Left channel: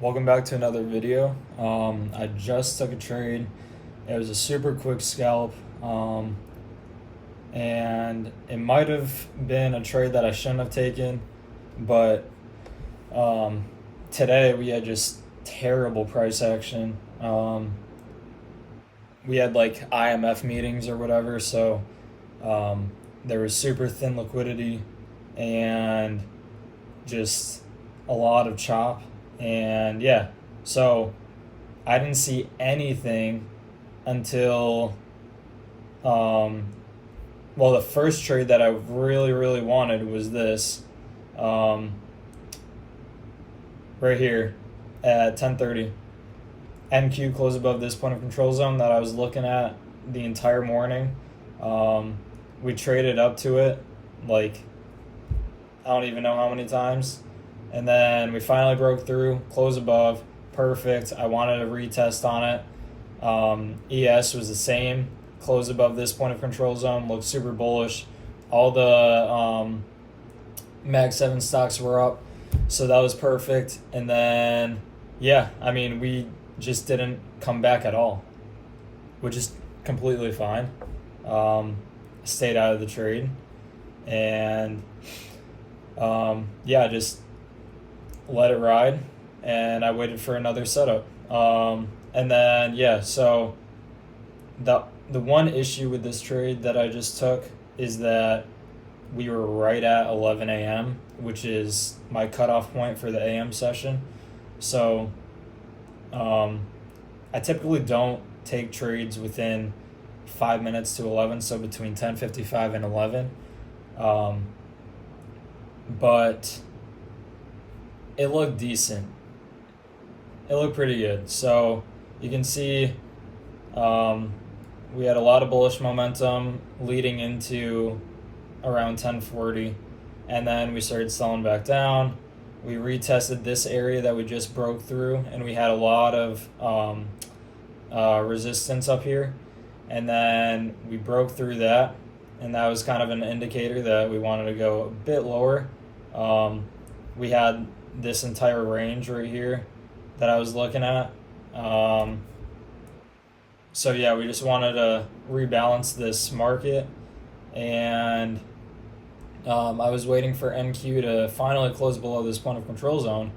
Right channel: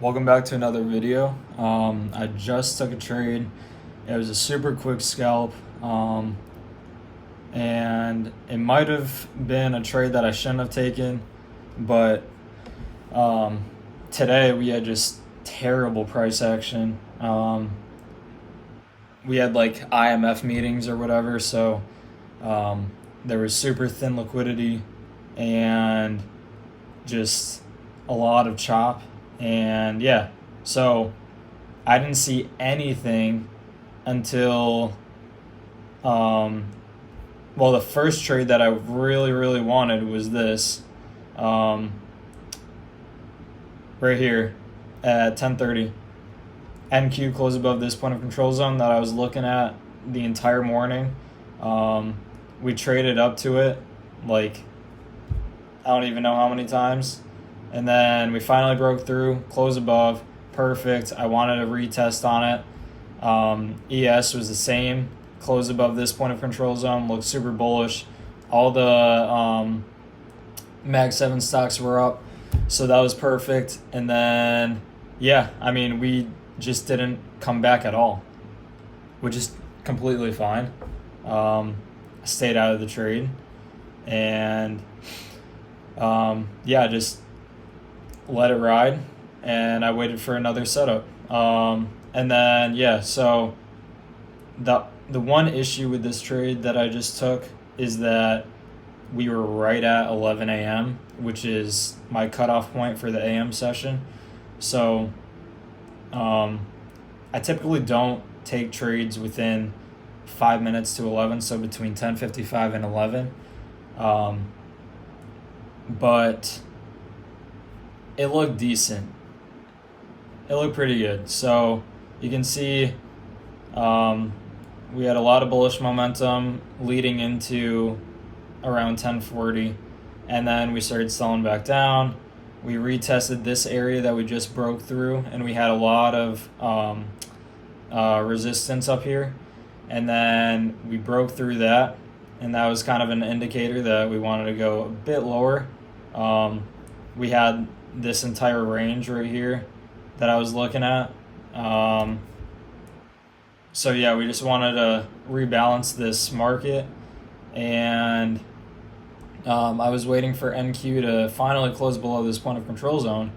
Welcome back to another video. I just took a trade. It was a super quick scalp, and it might have been a trade that I shouldn't have taken, but today we had just terrible price action. We had like IMF meetings or whatever, so there was super thin liquidity and just a lot of chop. And yeah, so I didn't see anything until, well, the first trade that I really wanted was this, um, right here at 10:30. NQ closed above this point of control zone that I was looking at the entire morning. We traded up to it like I don't even know how many times. And then we finally broke through, close above, perfect. I wanted a retest on it. ES was the same, close above this point of control zone, looked super bullish. All the Mag 7 stocks were up, so that was perfect. And then, yeah, I mean, we just didn't come back at all, which is completely fine. Stayed out of the trade. And yeah, just let it ride, and I waited for another setup. And then yeah, so the one issue with this trade that I just took is that we were right at 11 a.m., which is my cutoff point for the AM session. So I typically don't take trades within 5 minutes to 11, so between 10:55 and 11. But it looked decent. It looked pretty good. So you can see we had a lot of bullish momentum leading into around 10:40, and then we started selling back down. We retested this area that we just broke through, and we had a lot of resistance up here, and then we broke through that, and that was kind of an indicator that we wanted to go a bit lower. We had this entire range right here that I was looking at. So yeah, we just wanted to rebalance this market, and I was waiting for NQ to finally close below this point of control zone,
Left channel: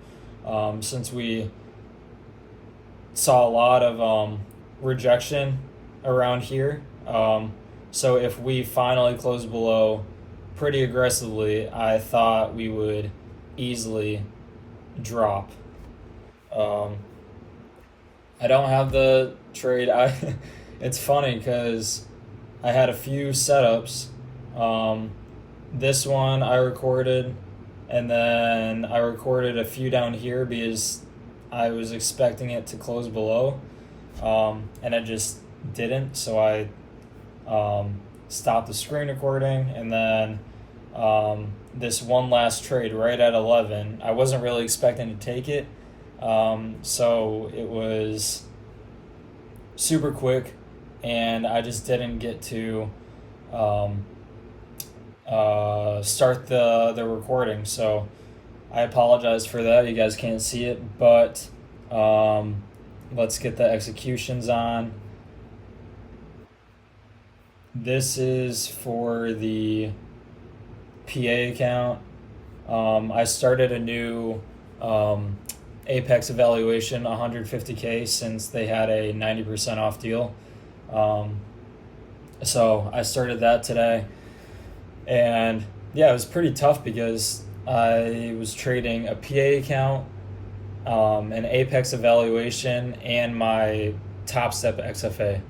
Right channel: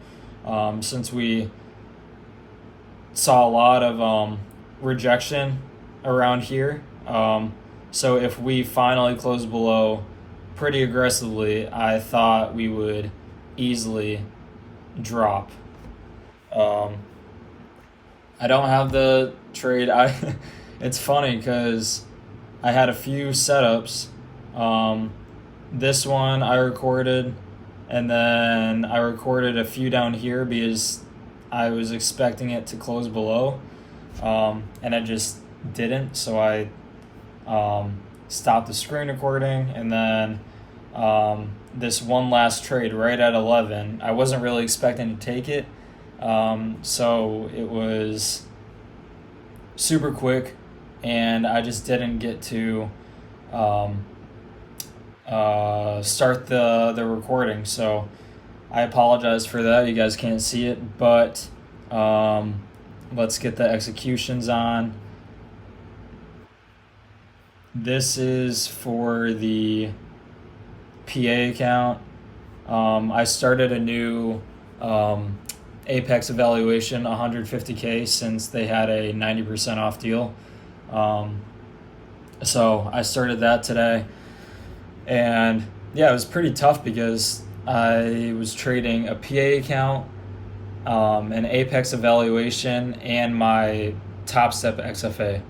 since we saw a lot of rejection around here. So if we finally close below pretty aggressively, I thought we would easily drop. I don't have the trade. It's funny because I had a few setups. This one I recorded, and then I recorded a few down here because I was expecting it to close below, and it just didn't. So I stopped the screen recording, and then this one last trade right at 11, I wasn't really expecting to take it, so it was super quick, and I just didn't get to start the recording. So I apologize for that. You guys can't see it, but let's get the executions on. This is for the PA account. I started a new Apex evaluation, 150K, since they had a 90% off deal. So I started that today, and yeah, it was pretty tough because I was trading a PA account, an Apex evaluation, and my Top Step XFA.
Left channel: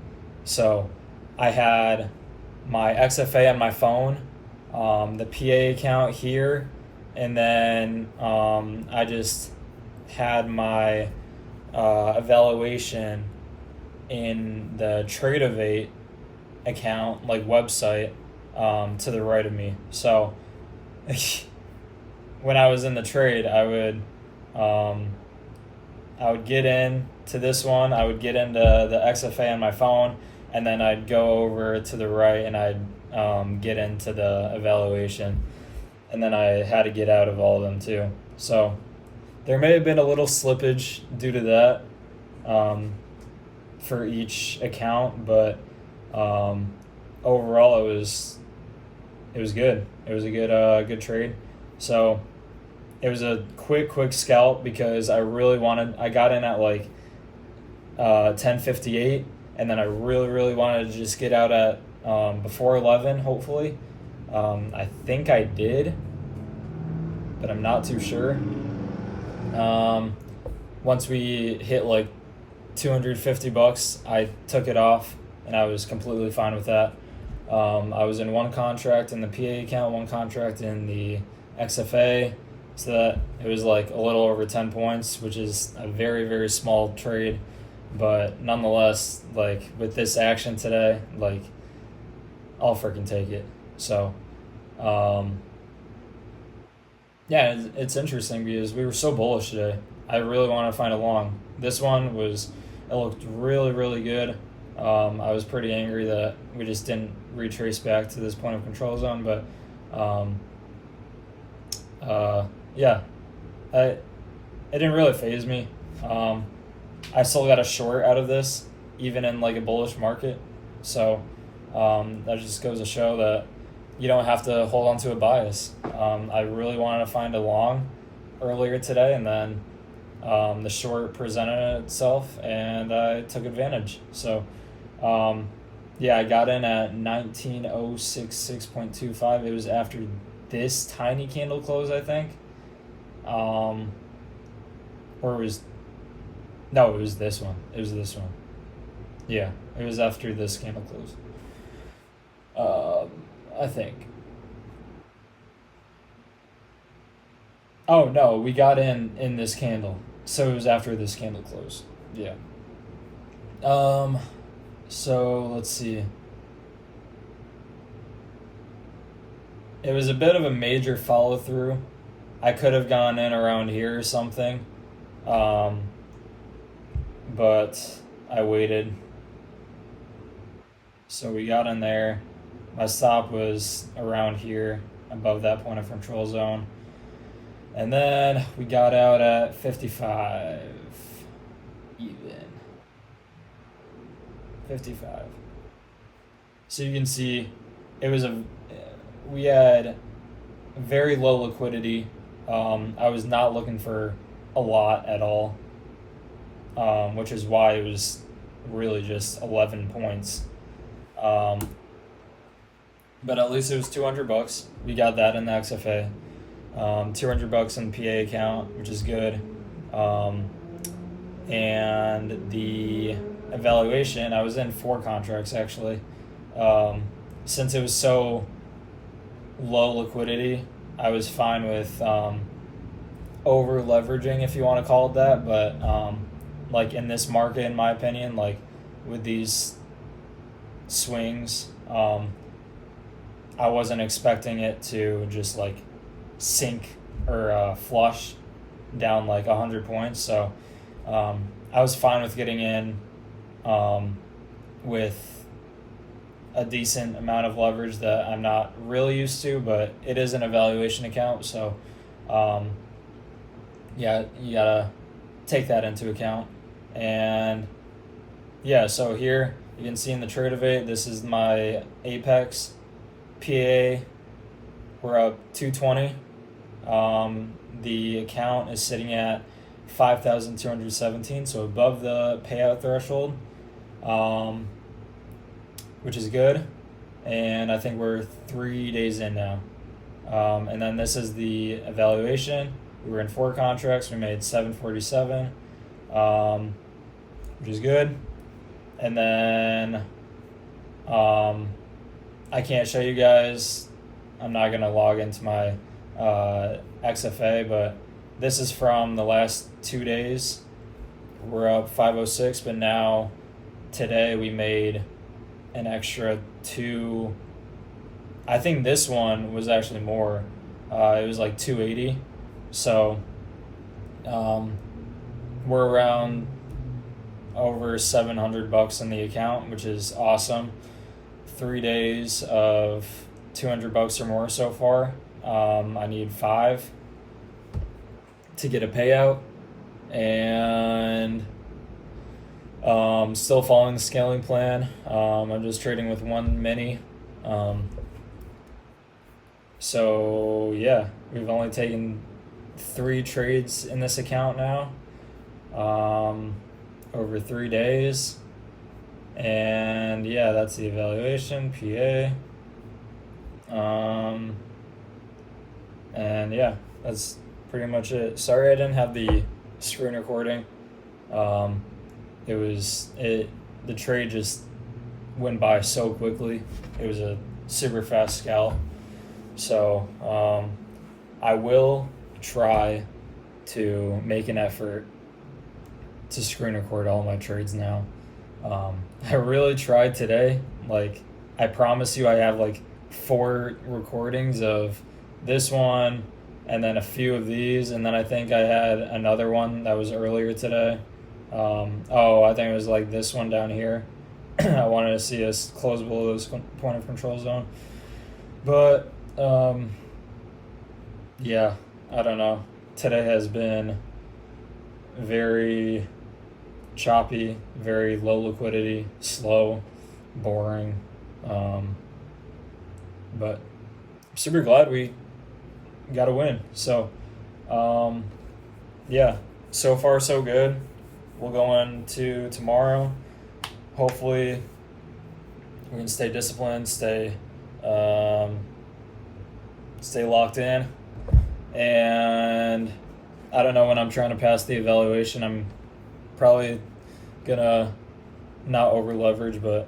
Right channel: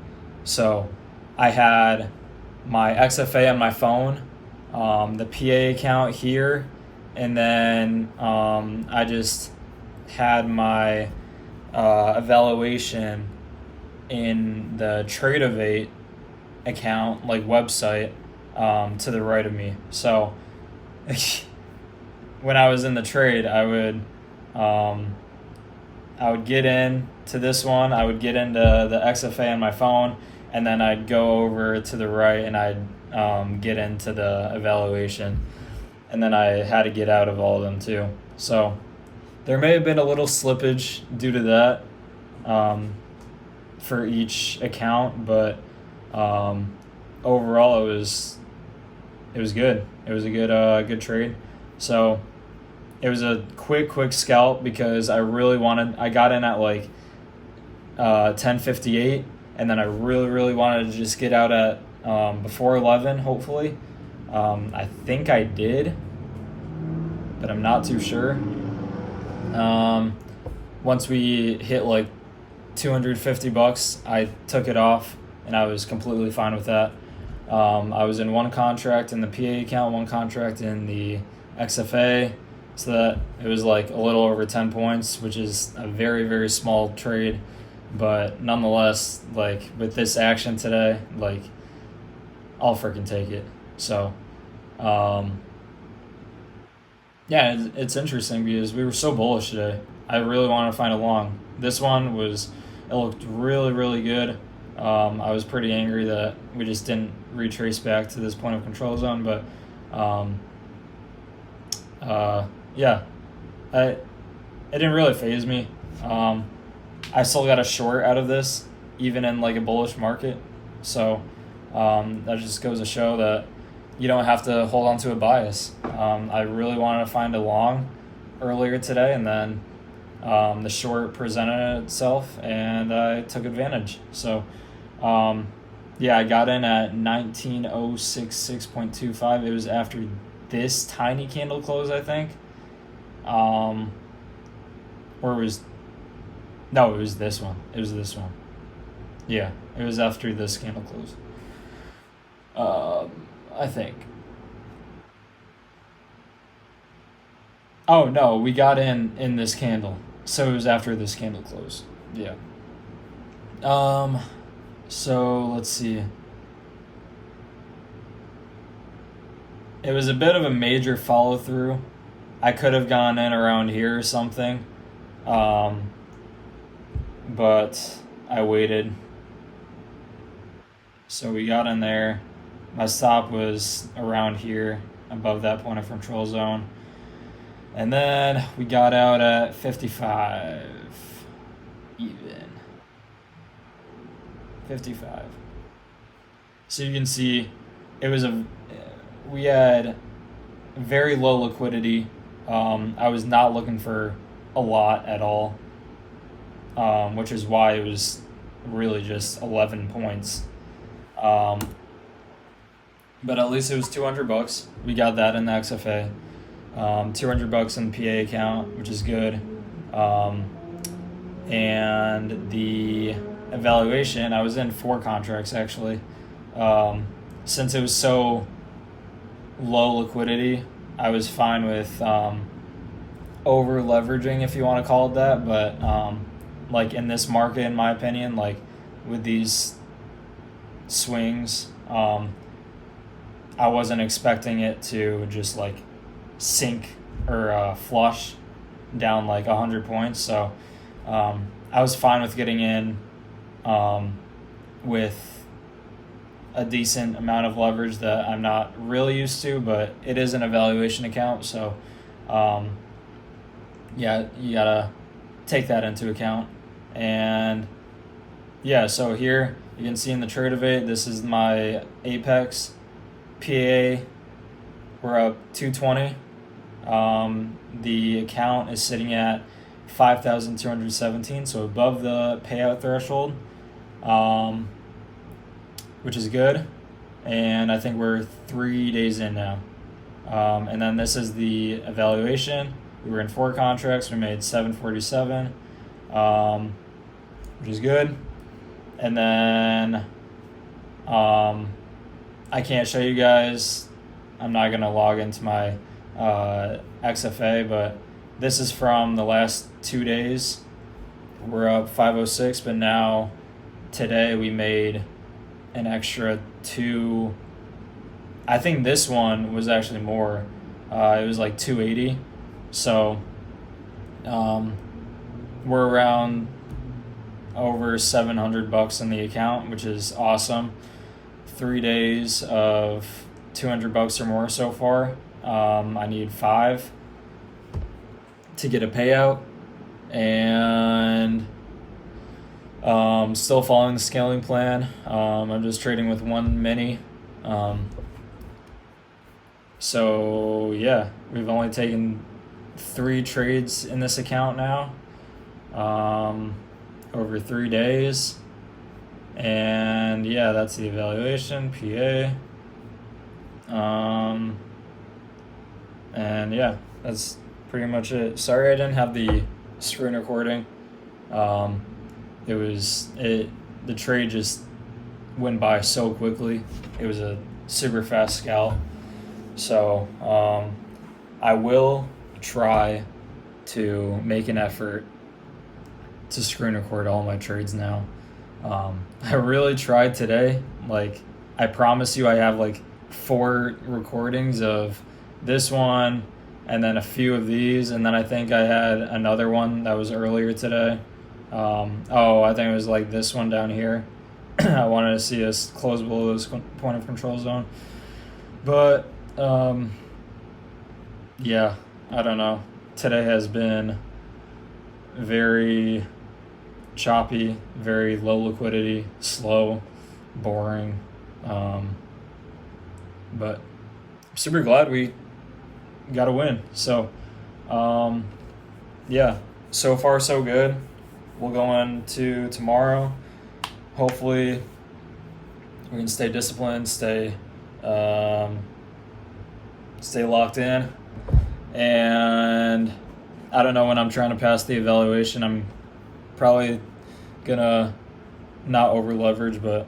So I had my XFA on my phone, the PA account here, and then I just had my evaluation in the Tradeovate account, like website, to the right of me. So when I was in the trade, I would get in to this one, I would get into the XFA on my phone, and then I'd go over to the right and I'd get into the evaluation, and then I had to get out of all of them too. So there may have been a little slippage due to that for each account, but overall it was good. It was a good trade. So it was a quick scalp because I got in at like 10:58, and then I really wanted to just get out at before 11, hopefully. I think I did, but I'm not too sure. Once we hit like $250, I took it off, and I was completely fine with that. I was in one contract in the PA account, one contract in the XFA, so that it was like a little over 10 points, which is a very small trade, but nonetheless, like with this action today, like I'll freaking take it. So yeah, it's interesting because we were so bullish today. I really wanted to find a long. This one it looked really good. I was pretty angry that we just didn't retrace back to this point of control zone, but yeah, it didn't really faze me. I still got a short out of this, even in like a bullish market. So that just goes to show that you don't have to hold on to a bias. I really wanted to find a long earlier today, and then the short presented itself, and I took advantage. So yeah, I got in at 19,066.25. It was after this tiny candle close, I think. Or it was this one. It was this one. Yeah, it was after this candle close. I think. Oh no, we got in this candle, so it was after this candle close. Yeah. So let's see. It was a bit of a major follow through. I could have gone in around here or something, but I waited. So we got in there. My stop was around here, above that point of control zone. And then we got out at 55 even. 55. So you can see we had very low liquidity. I was not looking for a lot at all, which is why it was really just 11 points. But at least it was $200. We got that in the XFA. $200 in the PA account, which is good. And the evaluation, I was in 4 contracts actually. Since it was so low liquidity, I was fine with over leveraging, if you want to call it that. But like in this market, in my opinion, like with these swings, I wasn't expecting it to just like sink or flush down like 100 points. So I was fine with getting in with a decent amount of leverage that I'm not really used to, but it is an evaluation account. So yeah, you gotta take that into account. And yeah, so here you can see in the Tradovate, this is my Apex PA. We're up 220. The account is sitting at 5,217, so above the payout threshold, which is good. And I think we're 3 days in now. And then this is the evaluation. We were in 4 contracts. We made 747, which is good. And then I can't show you guys. I'm not going to log into my XFA, but this is from the last 2 days. We're up 506, but now today we made an extra 2. I think this one was actually more. It was like 280. So we're around over $700 in the account, which is awesome. 3 days of $200 or more so far. I need 5 to get a payout, and still following the scaling plan. I'm just trading with one mini. So yeah, we've only taken 3 trades in this account now, over 3 days. And yeah, that's the evaluation, PA. And yeah, that's pretty much it. Sorry I didn't have the screen recording. The trade just went by so quickly. It was a super fast scalp. So I will try to make an effort to screen record all my trades now. I really tried today. Like, I promise you I have like 4 recordings of this one and then a few of these, and then I think I had another one that was earlier today. I think it was like this one down here. I wanted to see us close below this point of control zone. But yeah, I don't know. Today has been very choppy, very low liquidity, slow, boring. But I'm super glad we got a win. So yeah, so far so good. We'll go into tomorrow. Hopefully we can stay disciplined, stay locked in. And I don't know when I'm trying to pass the evaluation. I'm probably gonna not over leverage, but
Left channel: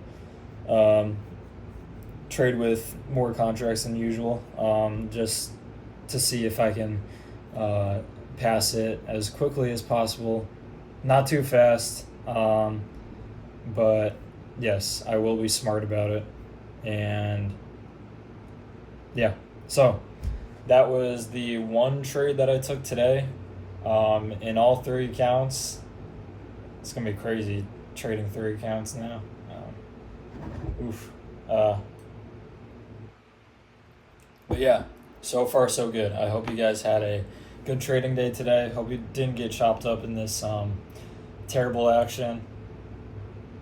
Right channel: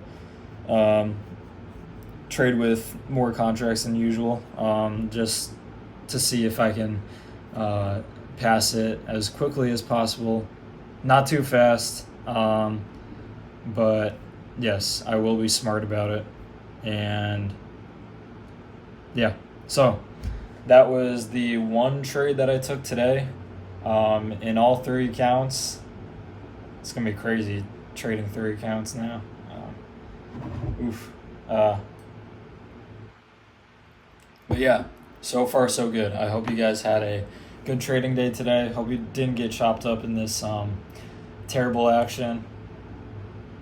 trade with more contracts than usual, just to see if I can pass it as quickly as possible. Not too fast, but yes, I will be smart about it. And yeah, so that was the one trade that I took today. In all 3 accounts, it's gonna be crazy trading 3 accounts now. But yeah, so far so good. I hope you guys had a good trading day today. Hope you didn't get chopped up in this terrible action.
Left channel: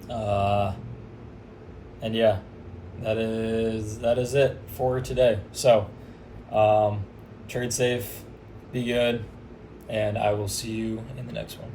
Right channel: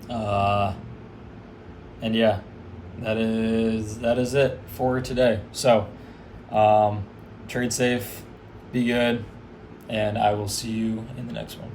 And yeah, that is it for today. So trade safe, be good, and I will see you in the next one.